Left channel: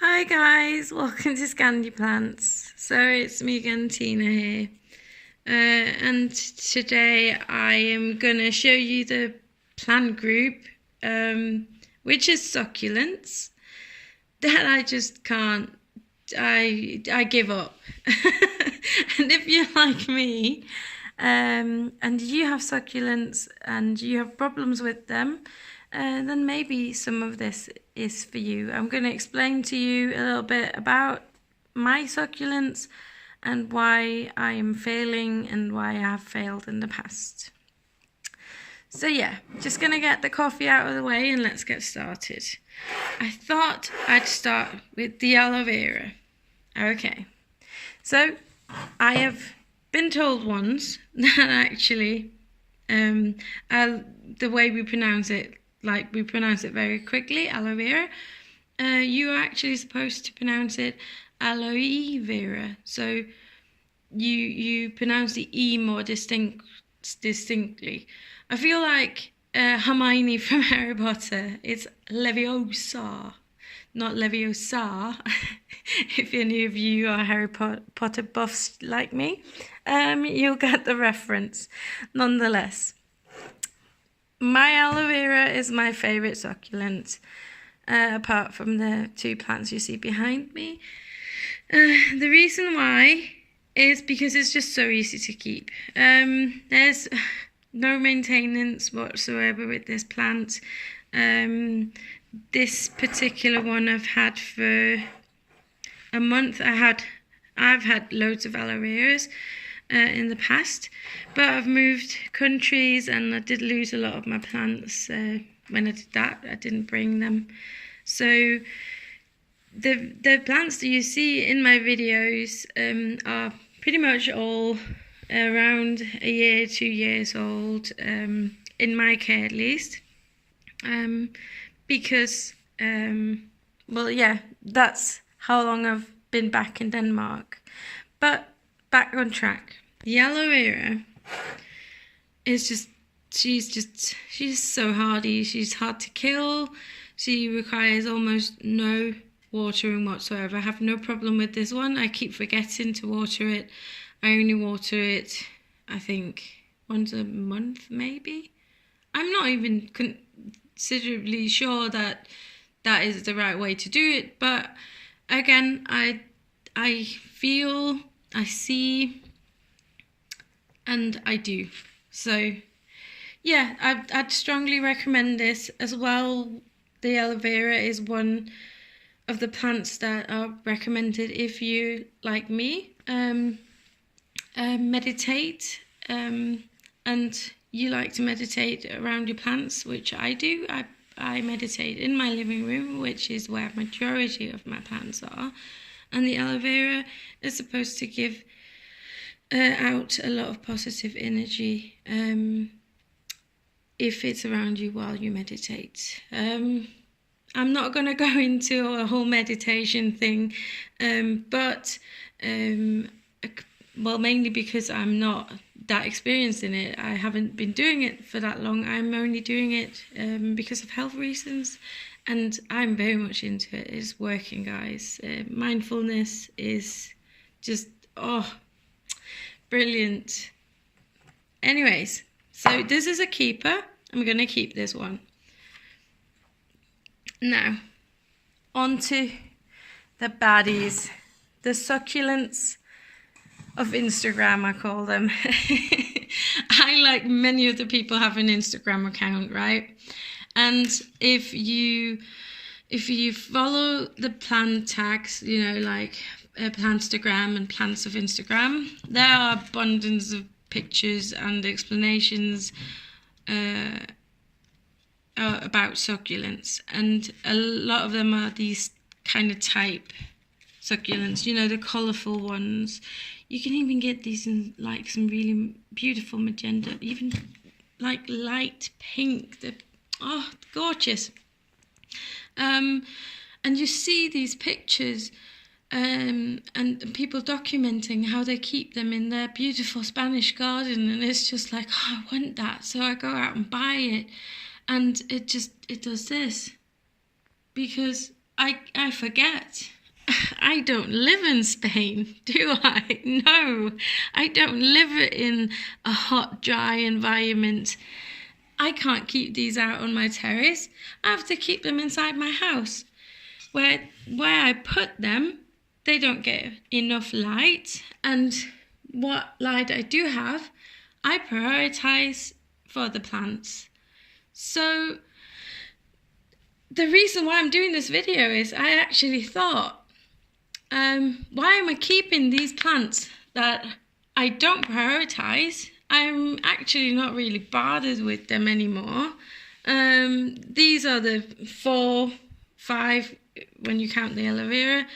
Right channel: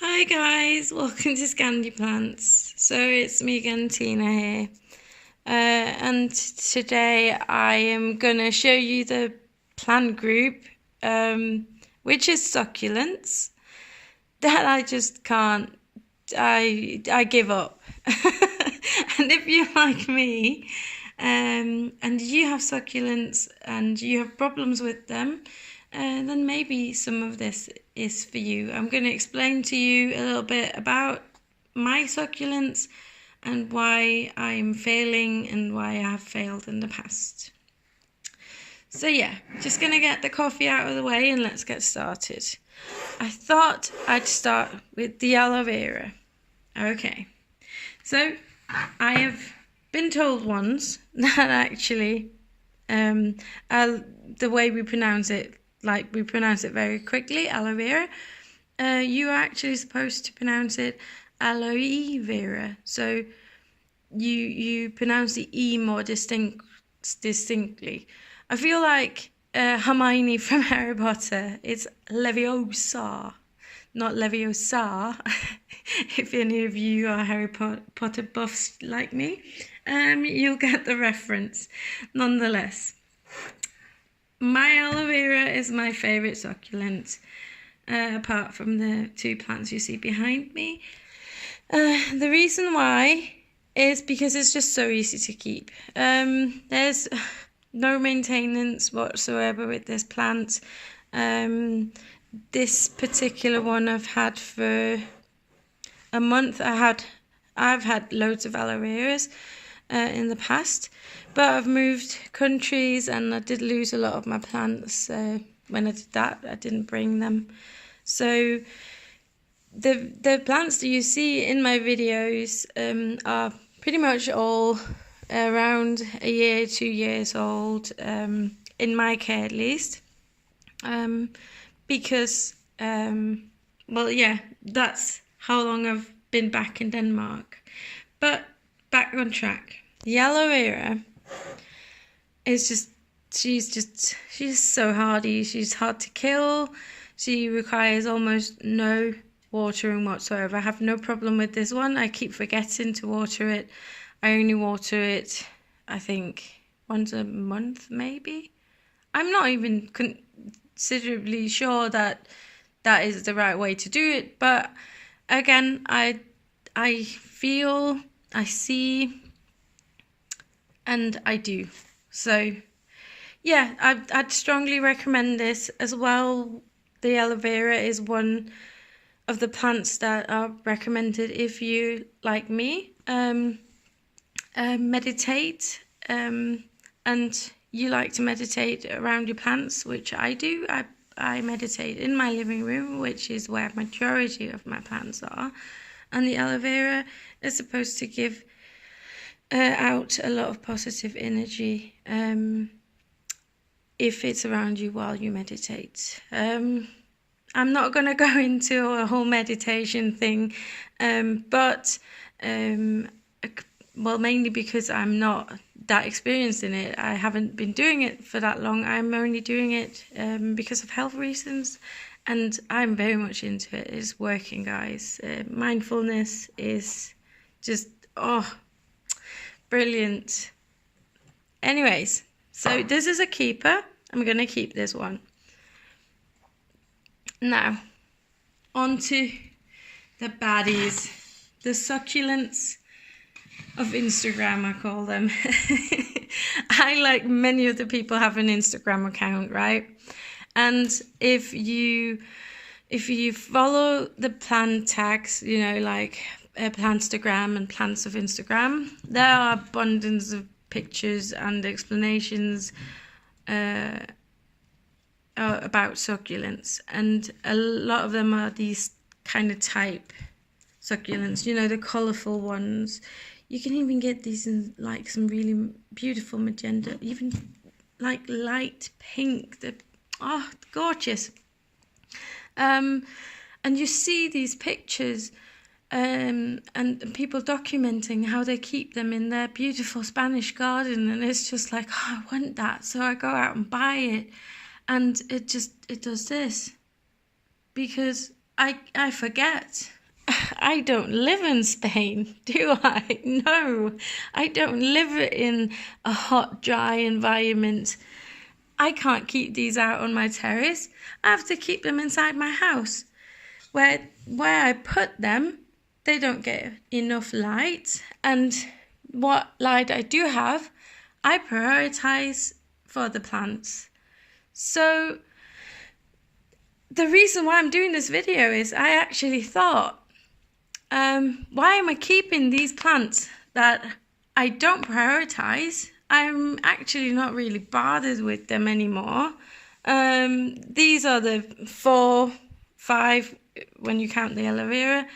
Hi guys, welcome to Scandi Plants. So it's me again, Tina here. And today I am going to show you the plant group, which is succulents, that I just can't, I give up. And if you're like me, and you have succulents and you have problems with them, then maybe some of this is for you. I'm going to explain to you a little bit about my succulents and why I'm failing and why I have failed in the past. So yeah, just going to get the coffee out of the way and let's get started. I thought I'd start with the aloe vera. Okay, so I have been told once that actually the way we pronounce it, like we pronounce it very quickly, aloe vera, you are actually supposed to pronounce it aloe vera. So you pronounce the E more distinctly. I feel like Hermione from Harry Potter. It's Leviosa, not Leviosa. If any of you are Harry Potter buffs like me, you'll get the reference. Nonetheless, my aloe vera is my favourite succulent, apart from the two plants you see behind me. The reason why is because it's just so easy to keep. There's no maintenance whatsoever with this plant. This particular one I've had for a month. I've had loads of aloe veras in the past, but I've moved countries and I did lose a lot of my plants. When I did that, I didn't bring them. So the plants that you see in my videos are pretty much all around a year, 2 years old, in my care at least, because well, yeah, that's how long I've been back in Denmark. But back on track. The aloe vera is just, she's so hardy. She's hard to kill. She requires almost no watering whatsoever. I have no problem with this one. I keep forgetting to water it. I only water it, I think, once a month maybe. I'm not even considerably sure that that is the right way to do it, but again, I feel, I see, and I do. So yeah, I'd strongly recommend this as well. The aloe vera is one of the plants that are recommended if you, like me, meditate, and you like to meditate around your plants, which I do. I meditate in my living room, which is where majority of my plants are, and the aloe vera is supposed to give out a lot of positive energy if it's around you while you meditate. I'm not going to go into a whole meditation thing, but well, mainly because I'm not that experienced in it. I haven't been doing it for that long. I'm only doing it because of health reasons, and I'm very much into it. It's working, guys. Mindfulness is just, oh, brilliant. Anyways, so this is a keeper. I'm going to keep this one. Now, on to the baddies, the succulents of Instagram, I call them. I, like many other people, have an Instagram account, right? And if you follow the plant tags, you know, like Plantstagram and Plants of Instagram, there are abundance of pictures and explanations about succulents, and a lot of them are these kind of type succulents, you know, the colourful ones. You can even get these in like some really beautiful magenta, even like light pink. They're, oh, gorgeous. And you see these pictures and people documenting how they keep them in their beautiful Spanish garden, and it's just like, oh, I want that, so I go out and buy it, and it does this because I forget. I don't live in Spain, do I? No, I don't live in a hot, dry environment. I can't keep these out on my terrace. I have to keep them inside my house. Where I put them, they don't get enough light. And what light I do have, I prioritize for the plants. So the reason why I'm doing this video is I actually thought, why am I keeping these plants that I don't prioritize? I'm actually not really bothered with them anymore. These are the 4, 5, when you count the aloe vera,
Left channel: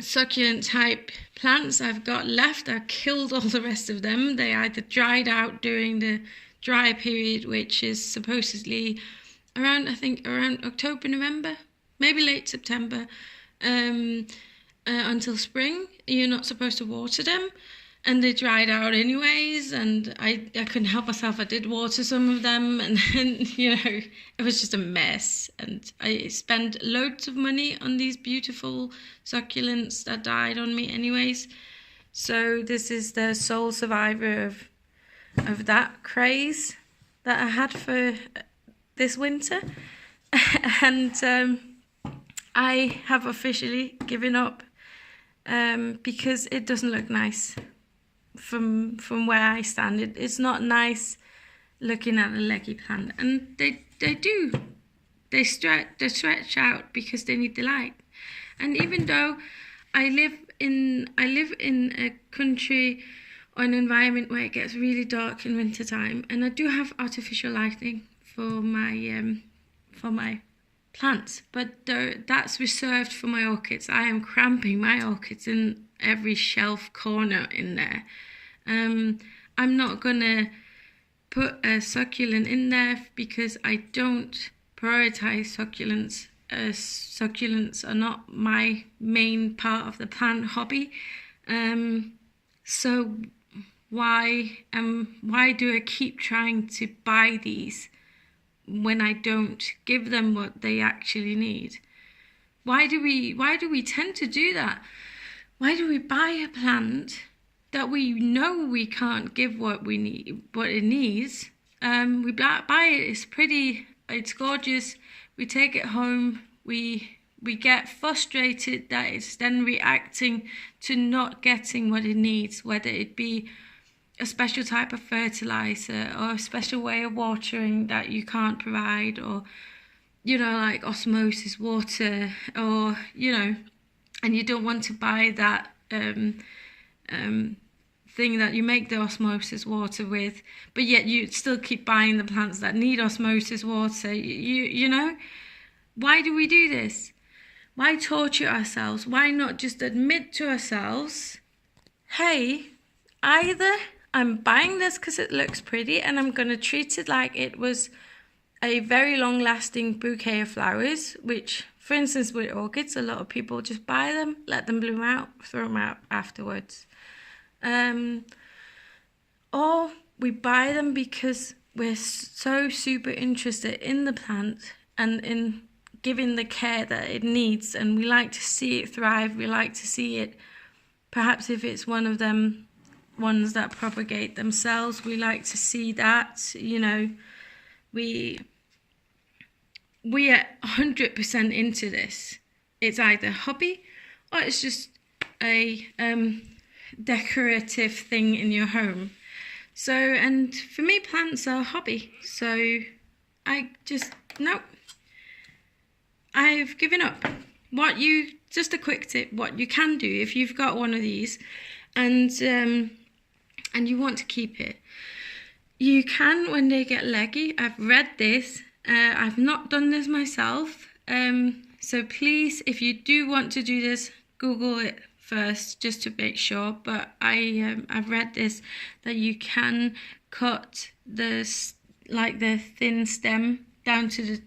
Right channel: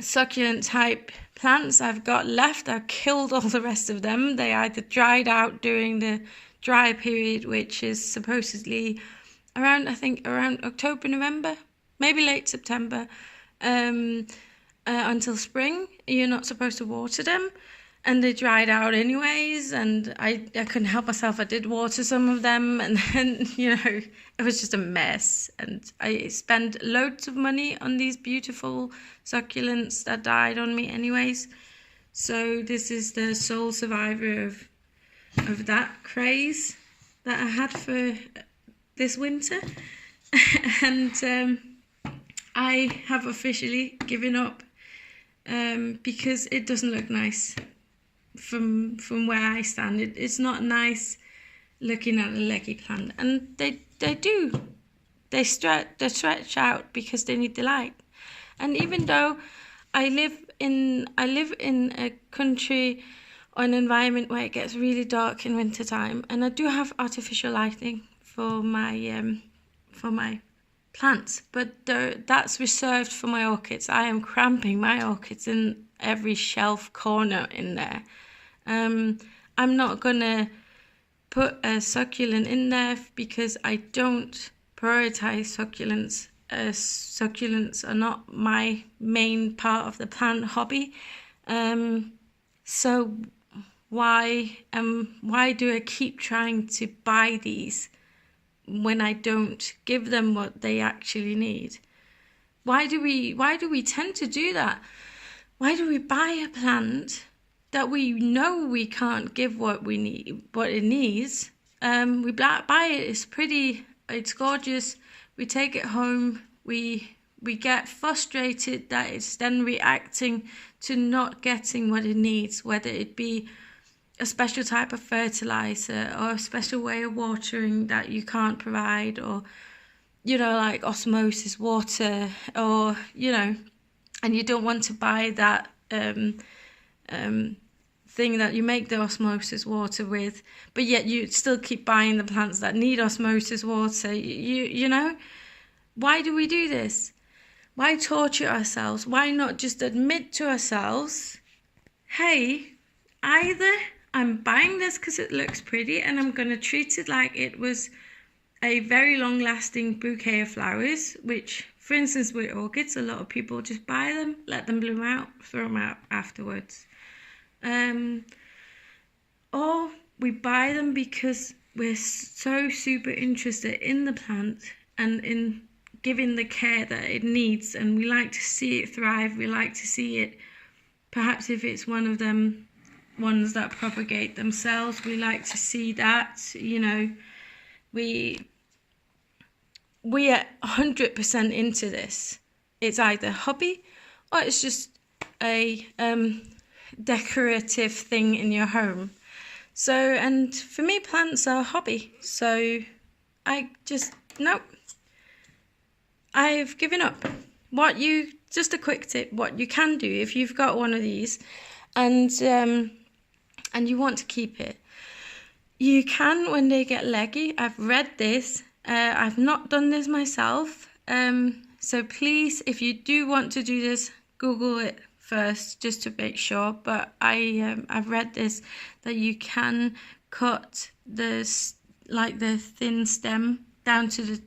succulent type plants I've got left. I've killed all the rest of them. They either dried out during the dry period, which is supposedly around October, November, maybe late September, until spring. You're not supposed to water them, and they dried out anyways, and I couldn't help myself. I did water some of them, and then, it was just a mess, and I spent loads of money on these beautiful succulents that died on me anyways. So this is the sole survivor of that craze that I had for this winter. And I have officially given up because it doesn't look nice from where I stand. It's not nice looking at a leggy plant, and they stretch out because they need the light. And even though I live in a country or an environment where it gets really dark in winter time, and I do have artificial lighting for my plants, but that's reserved for my orchids. I am cramping my orchids in every shelf corner in there. I'm not gonna put a succulent in there because I don't prioritize succulents. Succulents are not my main part of the plant hobby. So why do I keep trying to buy these when I don't give them what they actually need? Why do we tend to do that? Why do we buy a plant that we know we can't give what it needs? We buy it, it's pretty, it's gorgeous, we take it home, we get frustrated that it's then reacting to not getting what it needs, whether it be a special type of fertilizer or a special way of watering that you can't provide, or like osmosis water, or and you don't want to buy that thing that you make the osmosis water with, but yet you still keep buying the plants that need osmosis water. Why do we do this? Why torture ourselves? Why not just admit to ourselves, hey, either I'm buying this because it looks pretty and I'm going to treat it like it was a very long-lasting bouquet of flowers, which, for instance, with orchids, a lot of people just buy them, let them bloom out, throw them out afterwards. Or we buy them because we're so super interested in the plant and in giving the care that it needs, and we like to see it thrive. We like to see it, perhaps if it's one of them ones that propagate themselves, we like to see that. We are 100% into this. It's either hobby or it's just a decorative thing in your home. So, and for me, plants are a hobby. So I've given up. Just a quick tip, what you can do if you've got one of these and you want to keep it, you can, when they get leggy. I've read this. I've not done this myself. So please, if you do want to do this, Google it first just to make sure. But I've read this, that you can cut the thin stem down to the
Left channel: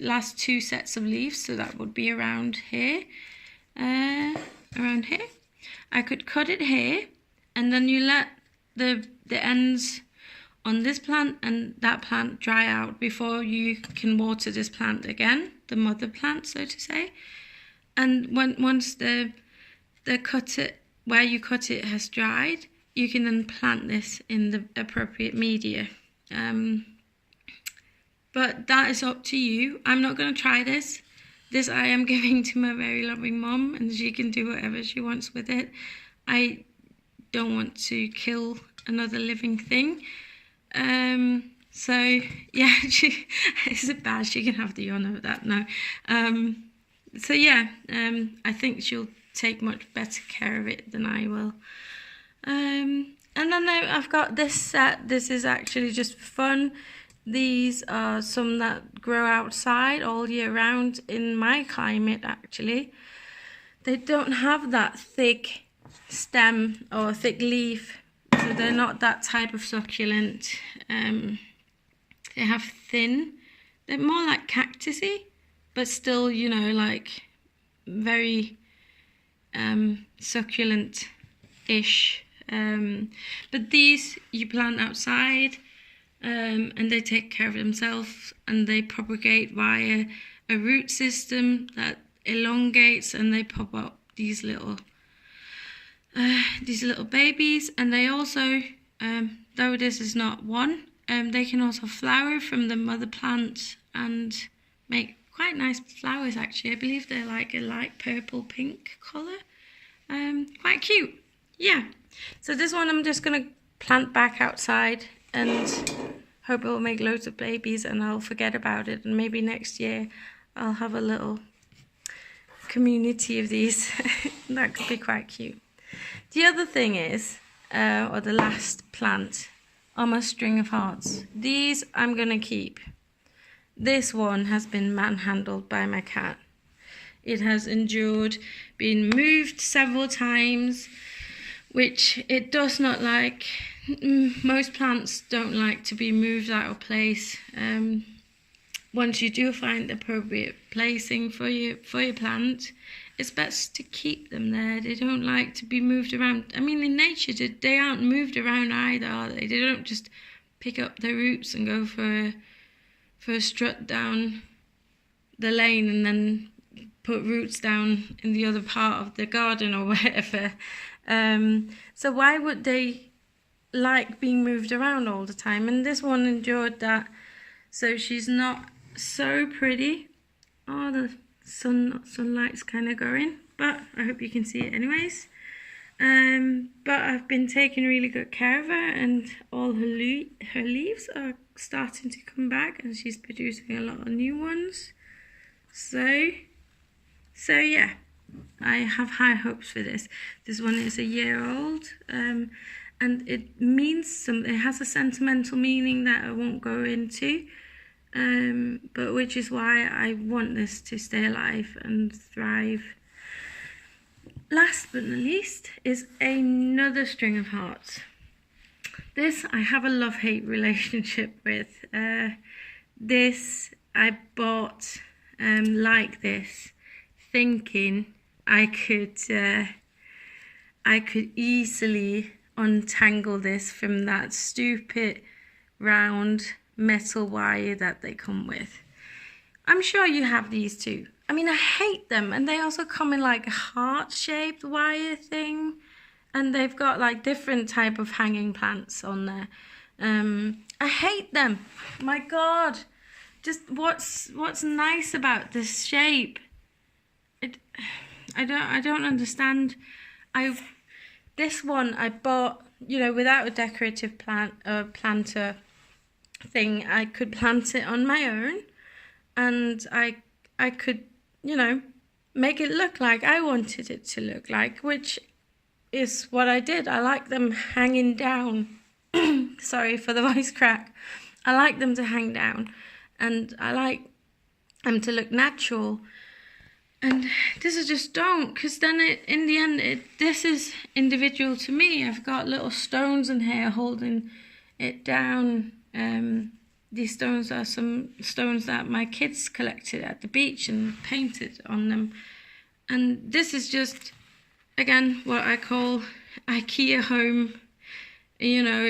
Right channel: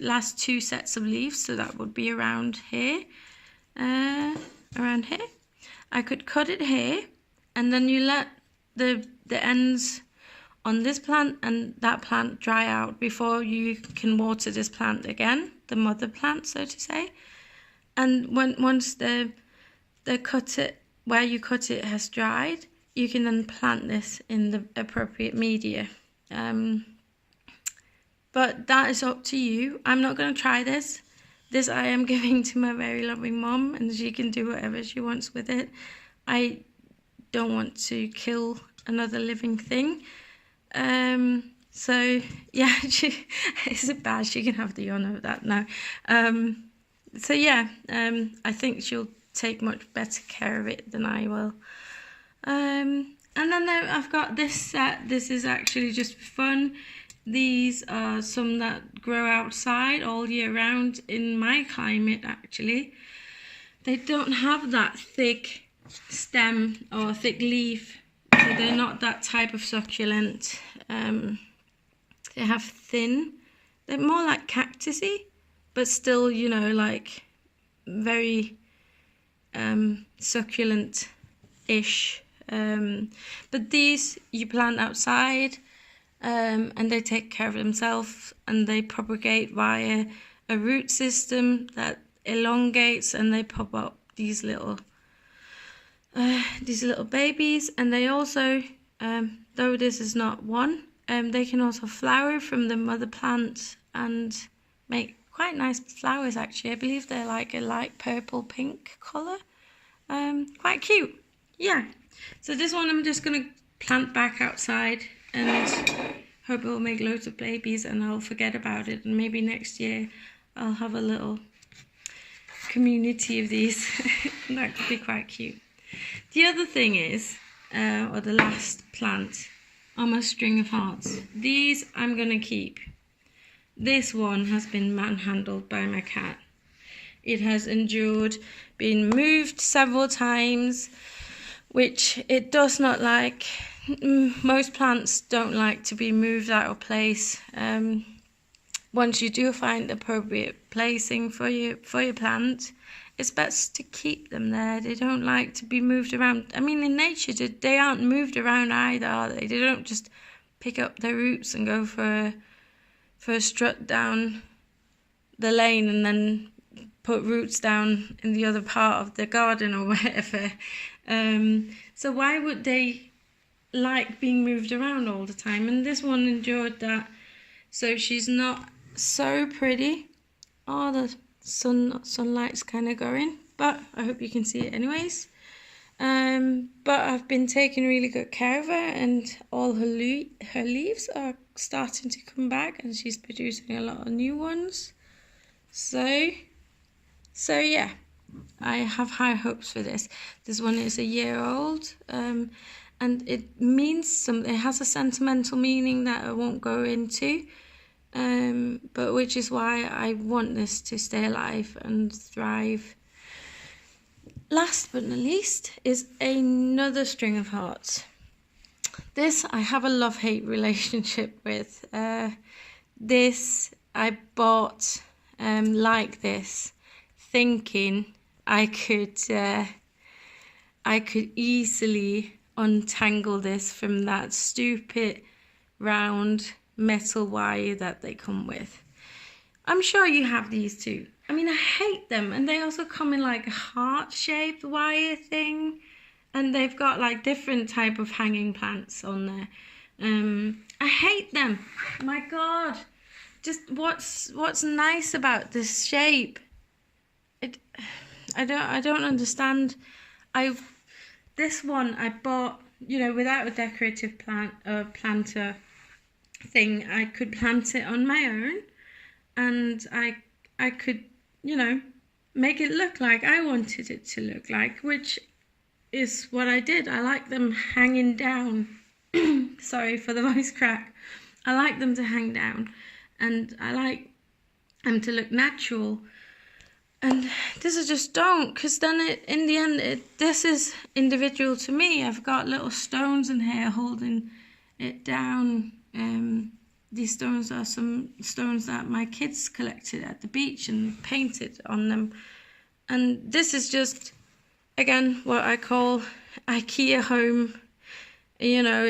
last 2 sets of leaves. So that would be around here. Around here. I could cut it here, and then you let the ends on this plant and that plant dry out before you can water this plant again, the mother plant, so to say. And once the cut it, where you cut it has dried, you can then plant this in the appropriate media. But that is up to you. I'm not going to try this. This I am giving to my very loving mom, and she can do whatever she wants with it. I don't want to kill another living thing. So yeah, is it bad? She can have the honour of that now. So yeah, I think she'll take much better care of it than I will. And then I've got this set. This is actually just for fun. These are some that grow outside all year round in my climate, actually. They don't have that thick stem or thick leaf, so they're not that type of succulent. They have thin, they're more like cactusy, but still, you know, like very succulent-ish. But these you plant outside, and they take care of themselves, and they propagate via a root system that elongates, and they pop up these little babies. And they also, though this is not one, they can also flower from the mother plant and make quite nice flowers, actually. I believe they're like a light purple pink colour. Quite cute. Yeah. So this one I'm just going to plant back outside and hope it will make loads of babies, and I'll forget about it, and maybe next year I'll have a little community of these. That could be quite cute. The other thing is, or the last plant, are my string of hearts. These I'm going to keep. This one has been manhandled by my cat. It has endured being moved several times, which it does not like. Most plants don't like to be moved out of place. Once you do find appropriate placing for your plant, it's best to keep them there. They don't like to be moved around. I mean, in nature, they aren't moved around either, are they? They don't just pick up their roots and go for a strut down the lane and then put roots down in the other part of the garden or whatever. So why would they like being moved around all the time? And this one endured that. So she's not so pretty. Oh, the sunlight's kind of going, but I hope you can see it anyways. But I've been taking really good care of her, and all her leaves are starting to come back, and she's producing a lot of new ones. So yeah, I have high hopes for this. This one is a year old, and it means something. It has a sentimental meaning that I won't go into, but which is why I want this to stay alive and thrive. Last but not least is another string of hearts. This I have a love-hate relationship with. This I bought like this, thinking I could easily untangle this from that stupid round metal wire that they come with. I'm sure you have these too. I mean, I hate them, and they also come in like a heart-shaped wire thing, and they've got like different type of hanging plants on there. I hate them. My God, just what's nice about this shape? I don't understand. This one I bought, you know, without a decorative planter thing. I could plant it on my own, and I could, you know, make it look like I wanted it to look like, which is what I did. I like them hanging down. Sorry for the voice crack. I like them to hang down, and I like them to look natural. And this is just don't, because then in the end, this is individual to me. I've got little stones in here holding it down. These stones are some stones that my kids collected at the beach and painted on them. And this is just, again, what I call IKEA home. You know,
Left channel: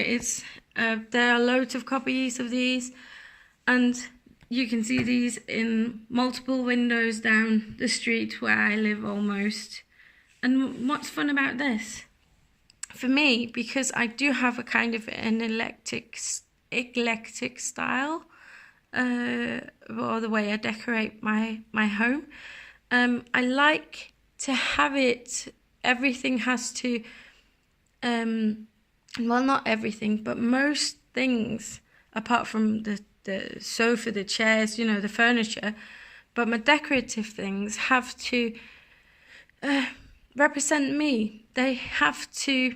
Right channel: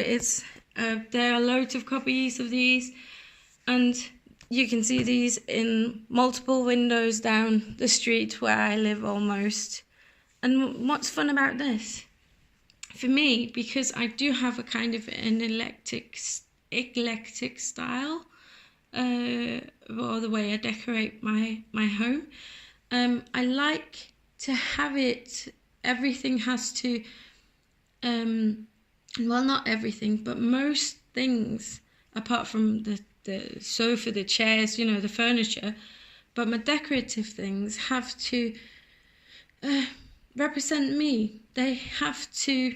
There are loads of copies of these, and you can see these in multiple windows down the street where I live almost. And what's fun about this? For me, because I do have a kind of an eclectic style, or the way I decorate my home, I like to have it, everything has to, well, not everything, but most things, apart from the sofa, the chairs, you know, the furniture, but my decorative things have to represent me. They have to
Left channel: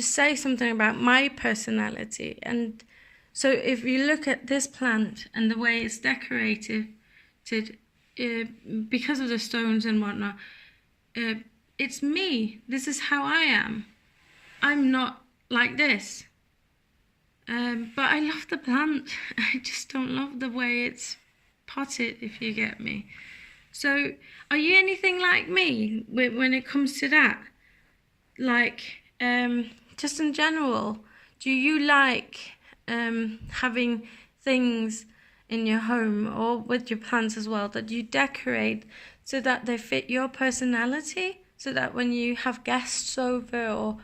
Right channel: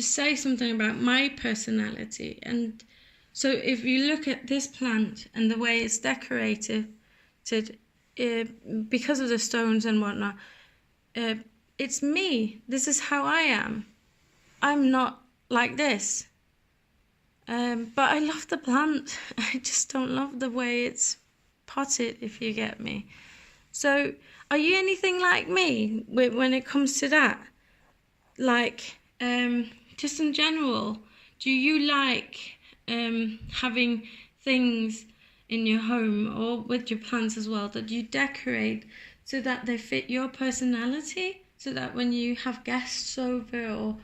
say something about my personality. And so if you look at this plant and the way it's decorated, because of the stones and whatnot, it's me. This is how I am. I'm not like this. But I love the plant. I just don't love the way it's potted, if you get me. So, are you anything like me when it comes to that? Like, just in general, do you like having things in your home or with your plants as well that you decorate so that they fit your personality? So that when you have guests over, or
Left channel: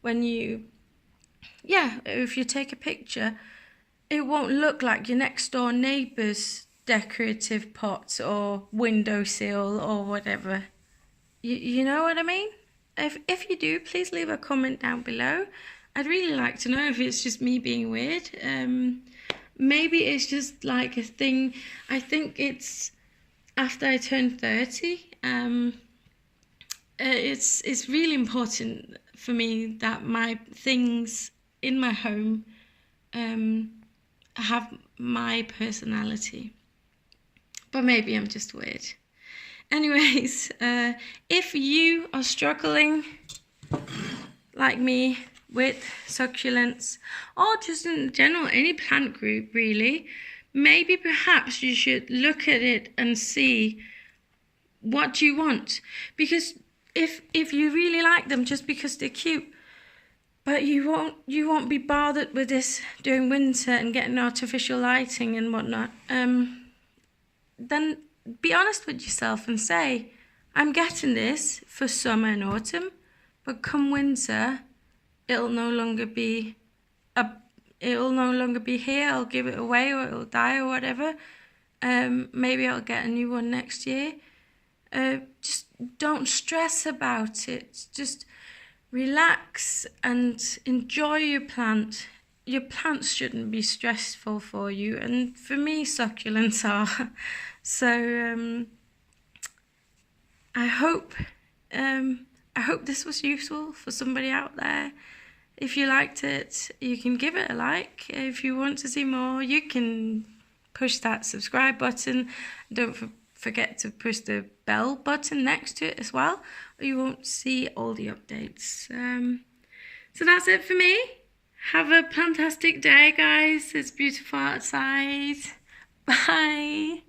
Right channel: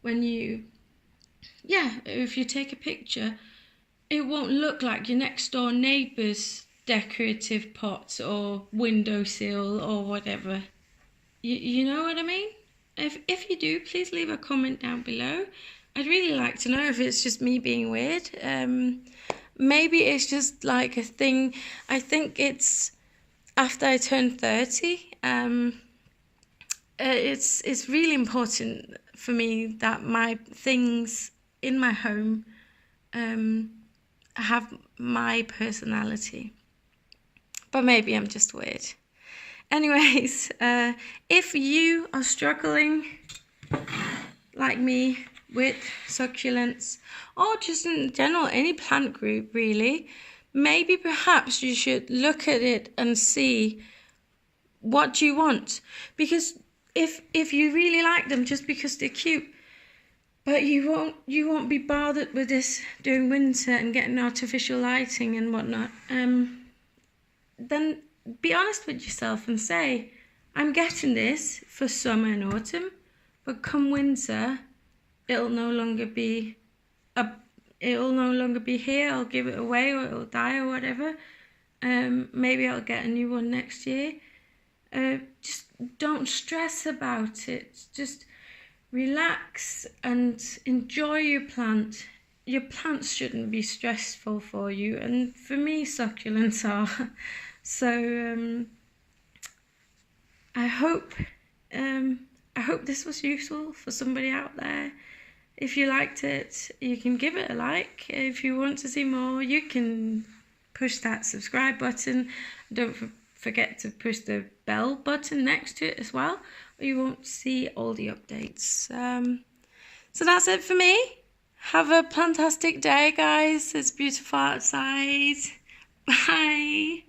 when you, if you take a picture, it won't look like your next door neighbour's decorative pots or windowsill or whatever. You know what I mean? If you do, please leave a comment down below. I'd really like to know if it's just me being weird. Maybe it's just like a thing. I think it's after I turned 30. It's really important for me that my things in my home have my personality. But maybe I'm just weird. Anyways, if you are struggling like me with succulents, or just in general any plant group really, maybe perhaps you should look at it and see what you want. Because if you really like them just because they're cute, but you won't be bothered with this during winter and getting artificial lighting and whatnot, then be honest with yourself and say, I'm getting this for summer and autumn, but come winter, it'll no longer be here. I'll give it away, or it'll die, or whatever. Maybe I'll get a new one next year. Just don't stress about it. Just relax and enjoy your plant. Your plants shouldn't be stressful for you, and for me, succulents are. So I hope this was useful for somebody out there. If you liked it, you can give it a like. If you want to see more, you can push that subscribe button. Don't forget to push the bell button next to it as well, or you won't see all the updates. So that's it for me. Have a fantastic day, guys. It's beautiful outside. Bye.